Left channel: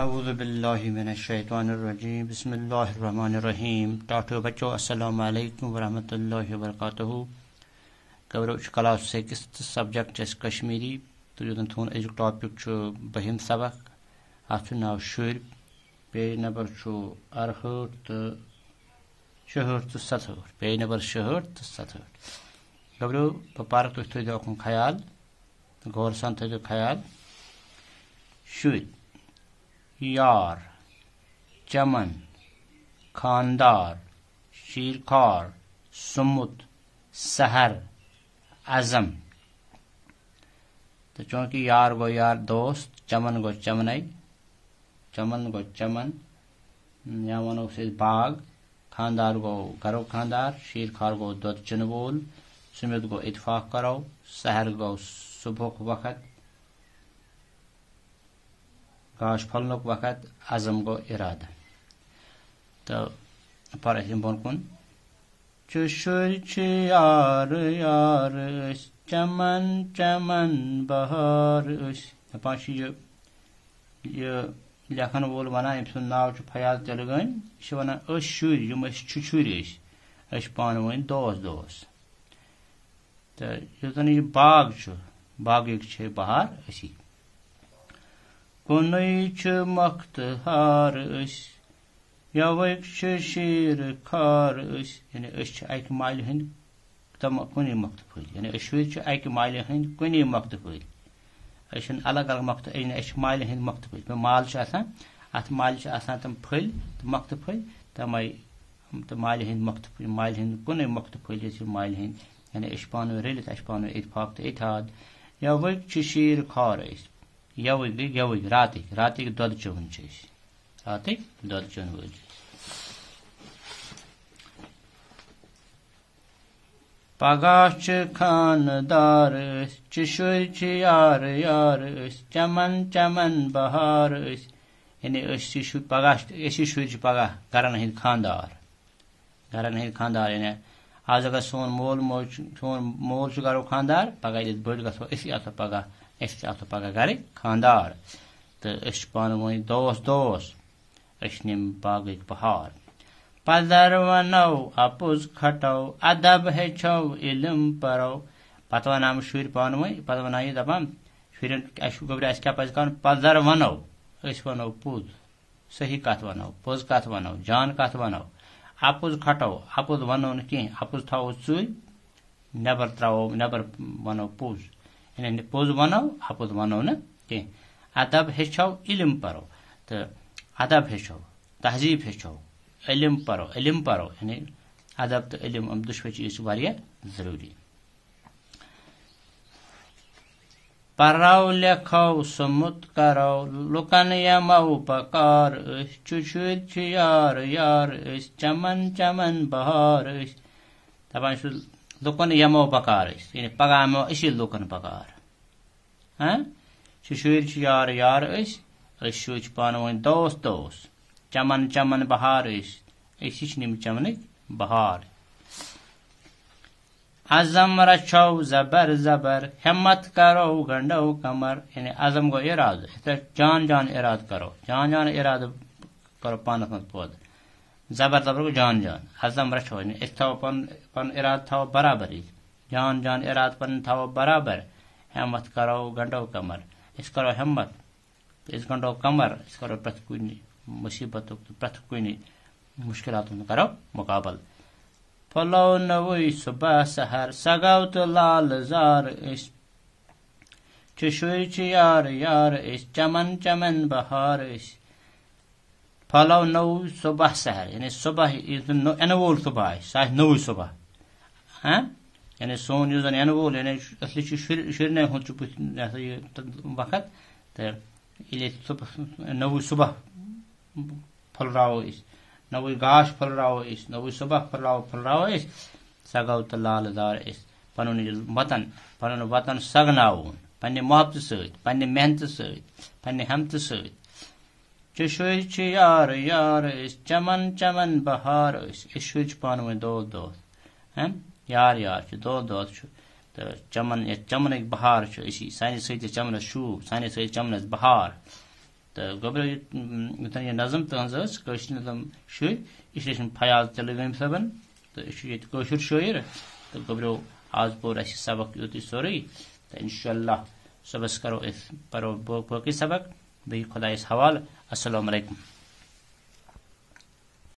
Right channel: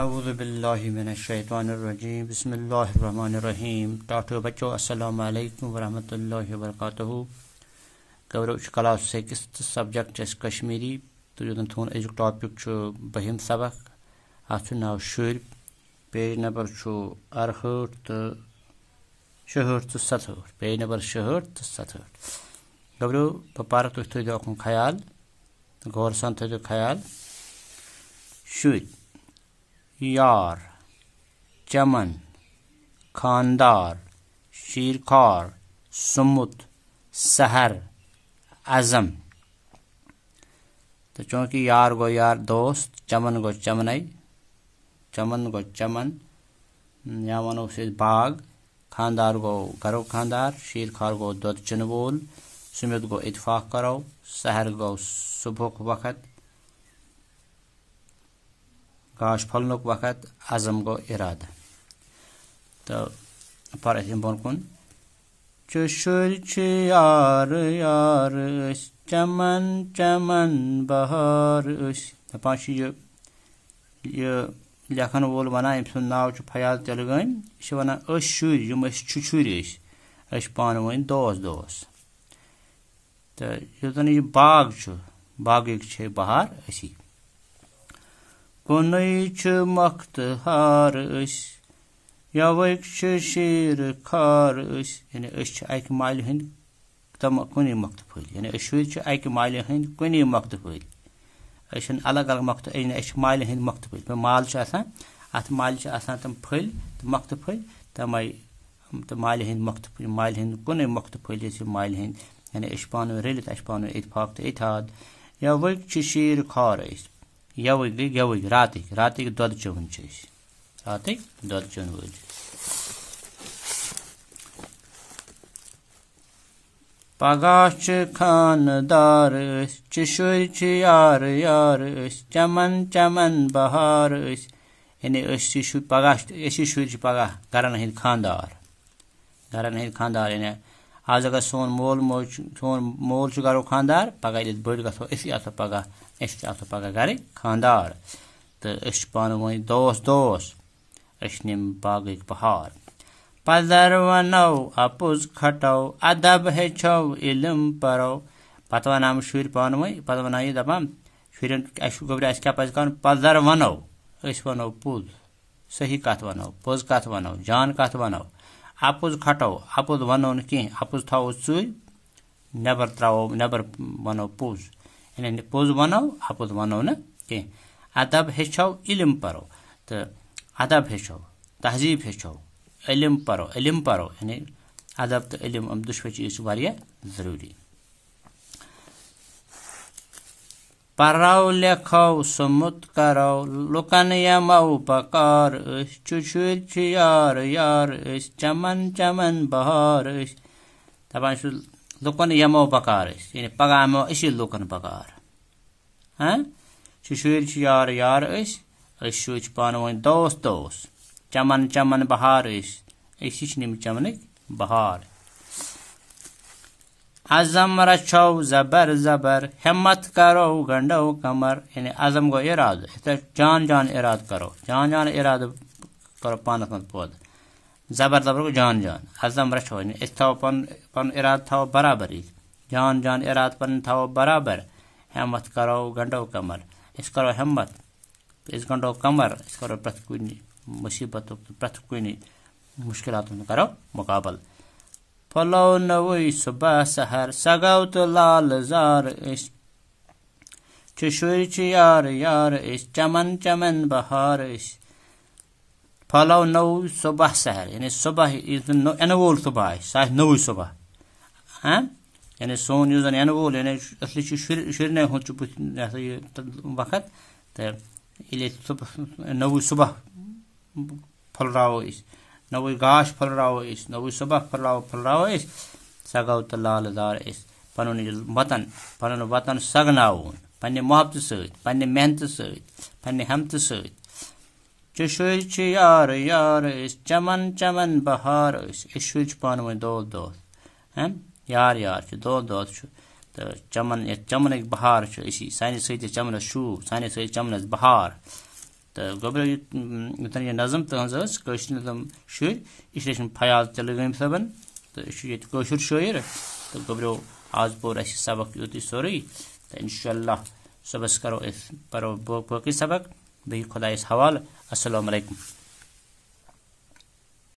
اعوذ باللہ من الشیطان الرجیم بسم اللہ الرحمن الرحیم ٹاٹو بچو السلام علیکم ورحمۃ اللہ وبرکاتہ گورو کلاس سکس سبجیکٹ کشمیری تو تھون ازیک ٹاپک بہم سبق ات ناو شر پیج نمبر 68 تو 66 تو 67 پیج نمبر 66 تو 67 گورو پارک تھی تھو اکن خیال غور سان تھو خیال شر یار چمن خاندار شیرخوار سمت سحر عزم تو چونکہ یار گو یار دوست چمن گو چمنائی چمن گو چمن یا ونو باغ خاندار گو گرو خاندار شیرخوار گو دود چن وول سمت گو اتفاق کرو سحر گو صبح وقت گاش پھلنک وقت عزم گو ارادہ تو پر بون کن شر یار یار چمن چمن بہار دپان یہ لکھن وول ونان ام سند ناو فیاض تلگٲنۍ یہ ونان شر یم شُرۍ ٲسۍ پانہٕ ؤنۍ دوس دوس تو یُس زن یہ باغ باغٕکۍ چھِ بہار أسی کُنُے چھُ مختہار یوٕکۍ چھِ شیٖر خار یعنی أسۍ چھِ اکہِ مالہِ ہٕنٛدۍ تم کُنی مۄختہٕ پھٔلۍ یعنی أسۍ شُرۍ چھِ اکہِ مالہِ ہٕنٛدۍ کُنی مۄختہٕ پھٔلۍ أسۍ چھِنہٕ الگ الگ مۄختہٕ أسۍ چھِ مالہِ ہٕنٛدۍ مۄختہٕ پھٔلۍ مال چھُ آسان اتھ مالہِ چھِ آسان تم پھٔلۍ تہٕ مۄختہٕ پھٔلۍ تمے تہٕ مالہِ ہٕنٛدۍ مۄختہٕ پھٔلۍ مالہِ ہٕنٛدۍ کُنُے مۄختہٕ پھٔلۍ أسۍ چھِ مالہِ ہٕنٛدۍ یعنی أسۍ چھِ پانہٕ ؤنۍ رٔلِتھ اَسہِ چھِ پانہٕ ؤنۍ اتفاق تہٕ اتحاد یوٕکۍ چھِ شیٖر خار یوٕکۍ گٔے گیوٕکۍ راتٕکۍ دۄد چوٚون چھِ أسۍ راتٕکۍ دۄد چوٚن وٲلۍ پگاہ چھِ خاندار چھِ شُرۍ چھِ یار یار چمن چمن بہار یعنی أسۍ پگاہ أسی شُرۍ چھِ پگاہ گرن ہٕنٛدۍ خاندار یعنی آز اگر سون مول موج سون مول چھُ گرُک خاندار پگاہ ییٚلہِ أسۍ بٔڑۍ گژھو أسی آسو پگاہ أسۍ آسو پگاہ گرٕکۍ خاندار تہٕ أسۍ چھِ پانہٕ ؤنۍ دوس دوس أسۍ نِم باغٕکۍ بہار پدر ونو اپُز کھٹو ادب ہیٚچھو علم پرو پتہٕ ونان شُرۍ پانہٕ ؤنۍ پتہٕ ونان یہِ دپان شُرٮ۪ن اَسہِ کیاہ پزِ کرُن پدر ونو أسۍ ونو پوٚز صحیح کتھ ونو پوٚز کتھ ونو جان کتھ ونو اپُز کھٹو اپُز ونو نہٕ کینٛہہ اپُز تھاوو ژوٗرِ نٮ۪بر ونو پوٚز یعنی پوٚز ونو اپُز ونو نہٕ کینٛہہ ادب ہیٚچھو علم پرو تہٕ ادب ہیٚچھو تہذیٖب ہیٚچھو علم پرو یعنی ادب تہٕ علم دۄشوے چیٖز چھِ واریاہ ضروٗری پرو لیکھو سُمت کرو لُکن یمو بکار چھِ شُرۍ چھِ یار یار چمن چمن بہار دپان چھُ لُکن یمو بکار یعنی پگاہ یمو أسی لُکن بکار چھِ شُرۍ چھِ یار یار أسۍ شُرۍ چھِ پانہٕ ؤنۍ دوس دوس چمن چمن بہار أسی چھِ نِم چمنٕکۍ بہار عزم رچھو زبر زبر ہمت کرو گنڈو کمر یعنی عزم گو ارادٕ جان جان ارادٕ کرو پانس منٛز پٲدٕ زبر زبر گو جان جان عزم رچھو یعنی أسۍ تھاوو پنُن ارادٕ تھاوو برابر جان جان ارادٕ پنُن تھاوو برابر ہمت کرو گنڈو کمر أسۍ کرو ہمت أسۍ گنڈو کمر أسۍ کرو پرٛٮ۪تھ کُنہِ مُصیبتُک پرٛٮ۪تھ کُنہِ مشکلاتن ہُنٛد کرو مقابل پھلو نوٕے صبح سحر سگو تہٕ لال زار چھِ شُرۍ چھِ یار یار چمن چمن بہار پھلو نوٚو صبح سحر یعنی صبح یِنہٕ وول صبح آسہِ سُہ آسہِ نوٚوٕے صبح یعنی سون یُس زن یِنہٕ وول یعنی اصلی چھُ شُرنٕے ہُنٛد چھُ یہِ ہسا یہِ وقت تہٕ ییٚلہِ أسۍ نوٚوٕے صبح پھُلراوو أسۍ نوٚوٕے گاش پھُلراوو أسۍ نوٚوٕے صبح پھُلراوو أسۍ سۄ گوٚو تہٕ لال دار أسۍ پنُن وطن سگناوُن پننہِ محبتہٕ سۭتۍ پننہِ محنتہٕ سۭتۍ پننہِ ہمتہٕ سۭتۍ چھِ شُرۍ چھِ یار یار چمن چمن بہار أسۍ شُرۍ چھِ پانہٕ ؤنۍ دوس دوس یار یار چھِ دوس دوس چھِ تہٕ چمن یتھ چمنٕکۍ بہار چھِ أسی سانہِ سۭتۍ چمنس شوٗب سانہِ سۭتۍ چمنس بہار تو گوبر یوتن یہ نظم تہذ قشر نظم شر یہ فیاض تلویم صبن تو یہ قشر شاعر تو گوبرو آج پور اس سبق یوت سوری تو انشاءاللہ صبح کرو پرو باقی سبق بی خدایس حوالہ السلام علیکم.